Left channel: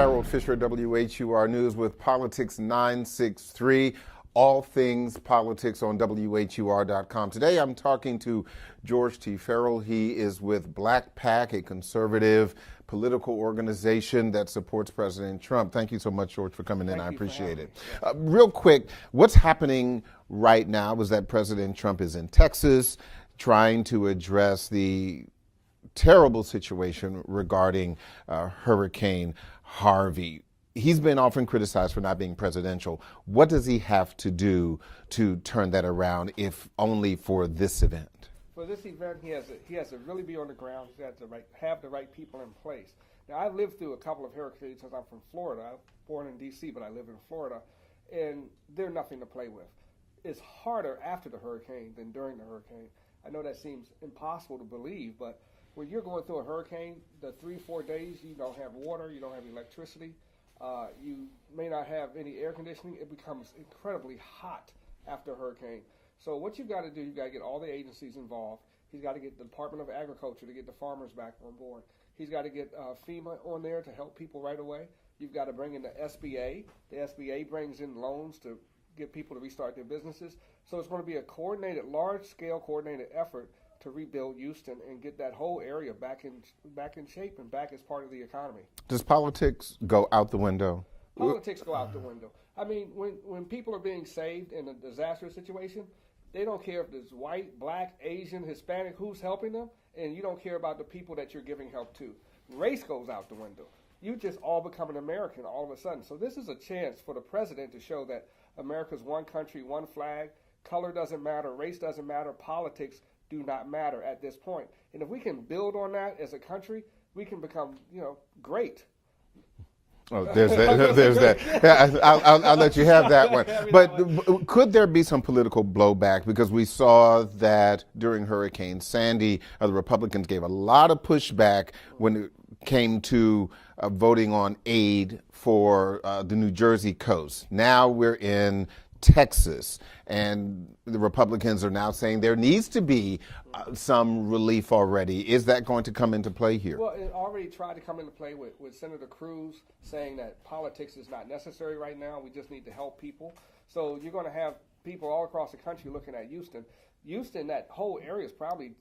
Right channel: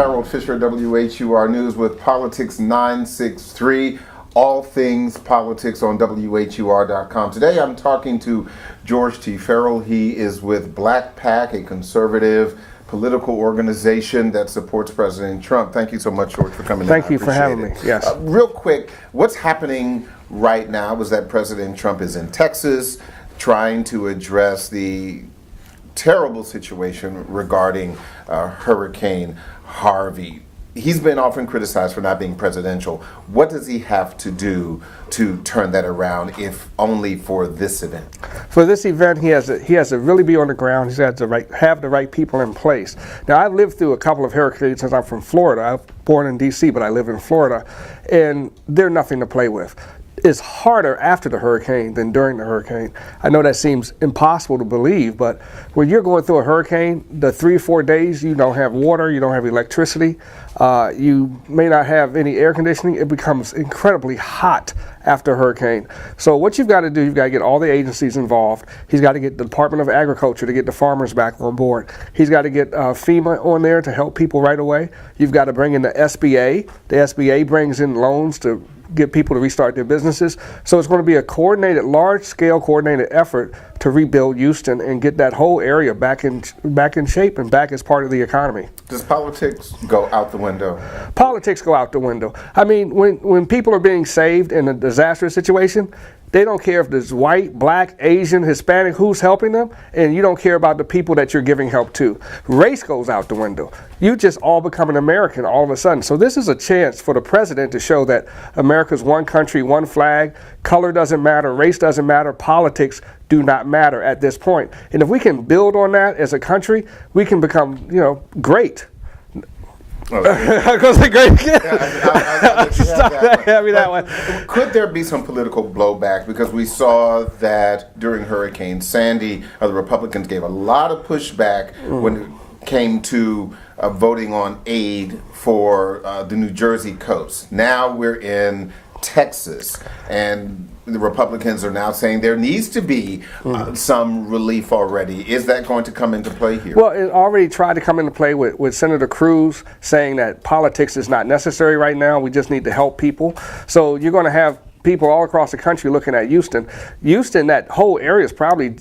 Harold Fisher, WHUR News with Politics963. All things politics on WHUR.com. Today I'm talking to George T. Farrell. He is with Black PAC, a conservative political organization that supports President Trump. Thank you so much, George, for coming in. Thank you for having me. Yes. Real quick, what's happening right now is that President Trump is in Texas trying to address the terrible situation regarding Hurricane Harvey. He's been often criticized for not being presidential. What does he have to do to turn that around, if only for this event? For this event, he has to really be on the ground. He's got to have the right people in place. Now, I've lived through a couple of hurricanes since I'm from Florida. I was born in D.C., but I live in Florida, and they're nothing to play with. It's harder after the hurricane than during the hurricane. I know that seems impossible to believe, but when you're going through a hurricane, the 3 or 4 days you don't have water, you don't have electricity, you may not have any air conditioning. It becomes incredibly hot after a hurricane. So what you've got to do, you've got to get all the agencies involved. He's got to get the Department of Agriculture to get the farmers back on board. He's got to get FEMA on there to help people right away. You've got to bring in the SBA. The SBA brings in loans to get people to restart their businesses. So it's going to be a coordinated, large-scale coordinated effort to rebuild Houston and get that whole area back in shape and back as part of the economy. Does politics go out the window? Politics go out the window. I mean, when people are being saved in a disastrous situation, they don't care if there's white, black, Asian, Hispanic, who's helping them, and you don't care about the people that you're giving help to. Race goes out the window. You just all become an American all of a sudden. So this is a chance for the president to show that America's one country, one flag, color doesn't matter, race doesn't matter, politics do not matter at this point. And if we can build on that as a country, we can become, great. I'll let you have that one. But could there be some political blowback? Because we saw that during Hurricane Sandy, the Republicans gave a lot of pushback when it came to voting on aid for the New Jersey coast. Now we're in Texas, and the Republicans are now saying there needs to be some relief already. Is that going to come into play here? Well, it already tried to come into play with Senator Cruz saying that politics is not necessary right now. We just need to help people. So you're going to have people all across the country looking at Houston. Houston, that whole area is probably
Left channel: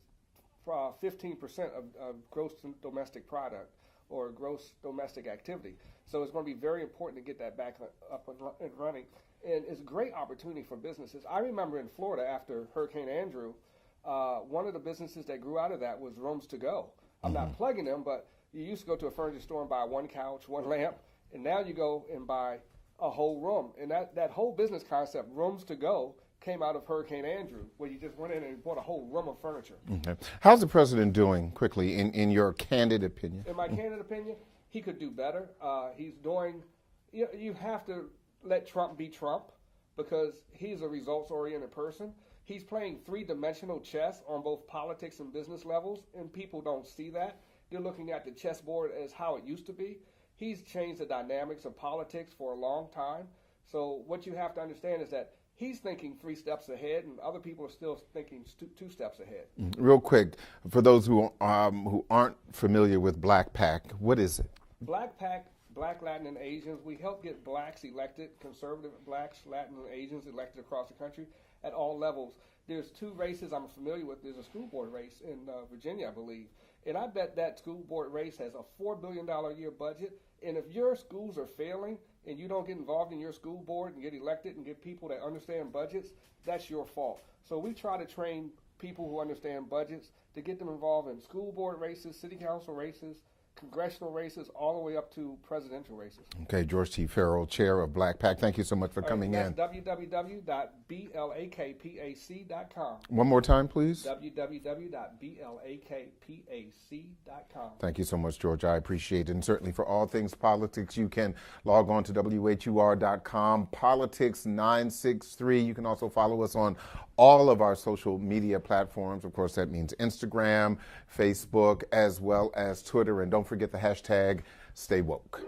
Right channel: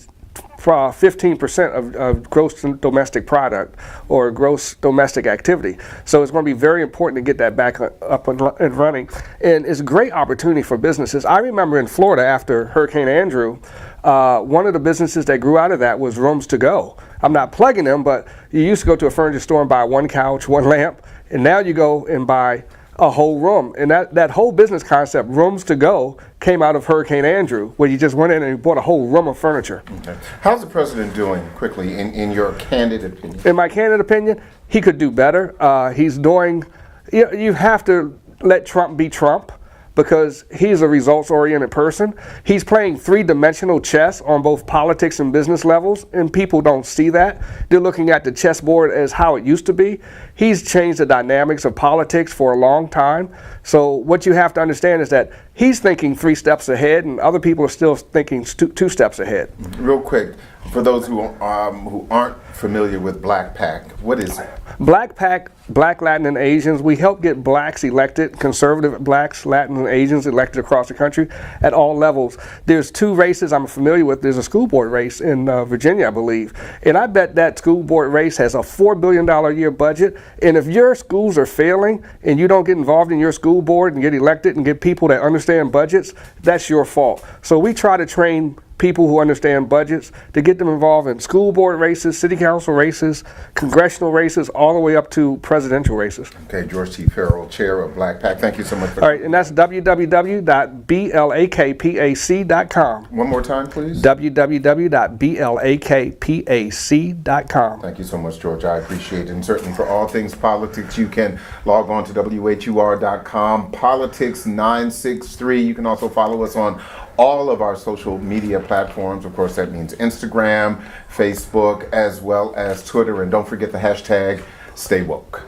15% of gross domestic product or gross domestic activity. So it's going to be very important to get that back up and running. And it's a great opportunity for businesses. I remember in Florida after Hurricane Andrew, one of the businesses that grew out of that was Rooms to Go. I'm not plugging them, but you used to go to a furniture store and buy one couch, one lamp, and now you go and buy a whole room. And that whole business concept, Rooms to Go, came out of Hurricane Andrew, where you just went in and you bought a whole room of furniture. Okay. How's the president doing, quickly, in your candid opinion? In my candid opinion, he could do better. He's doing, you have to let Trump be Trump, because he's a results-oriented person. He's playing three-dimensional chess on both politics and business levels, and people don't see that. They're looking at the chessboard as how it used to be. He's changed the dynamics of politics for a long time. So what you have to understand is that he's thinking 3 steps ahead, and other people are still thinking 2 steps ahead. Real quick, for those who aren't familiar with Black PAC, what is it? Black PAC, Black, Latin, and Asians, we help get blacks elected, conservative blacks, Latin, and Asians elected across the country at all levels. There's 2 races I'm familiar with. There's a school board race in Virginia, I believe. And I bet that school board race has a $4 billion a year budget. And if your schools are failing and you don't get involved in your school board and get elected and get people that understand budgets, that's your fault. So we try to train people who understand budgets to get them involved in school board races, city council races, congressional races, all the way up to presidential races. Okay, George T. Farrell, chair of Black PAC. Thank you so much for coming. All right, and that's www.blakpac.com. One more time, please. www.blakpac.com. Thank you so much, George. I appreciate it. And certainly for all things politics, you can log on to WHUR.com, Politics963. You can also follow us on all of our social media platforms. Of course, that means Instagram, Facebook, as well as Twitter. And don't forget the hashtag StayWoke.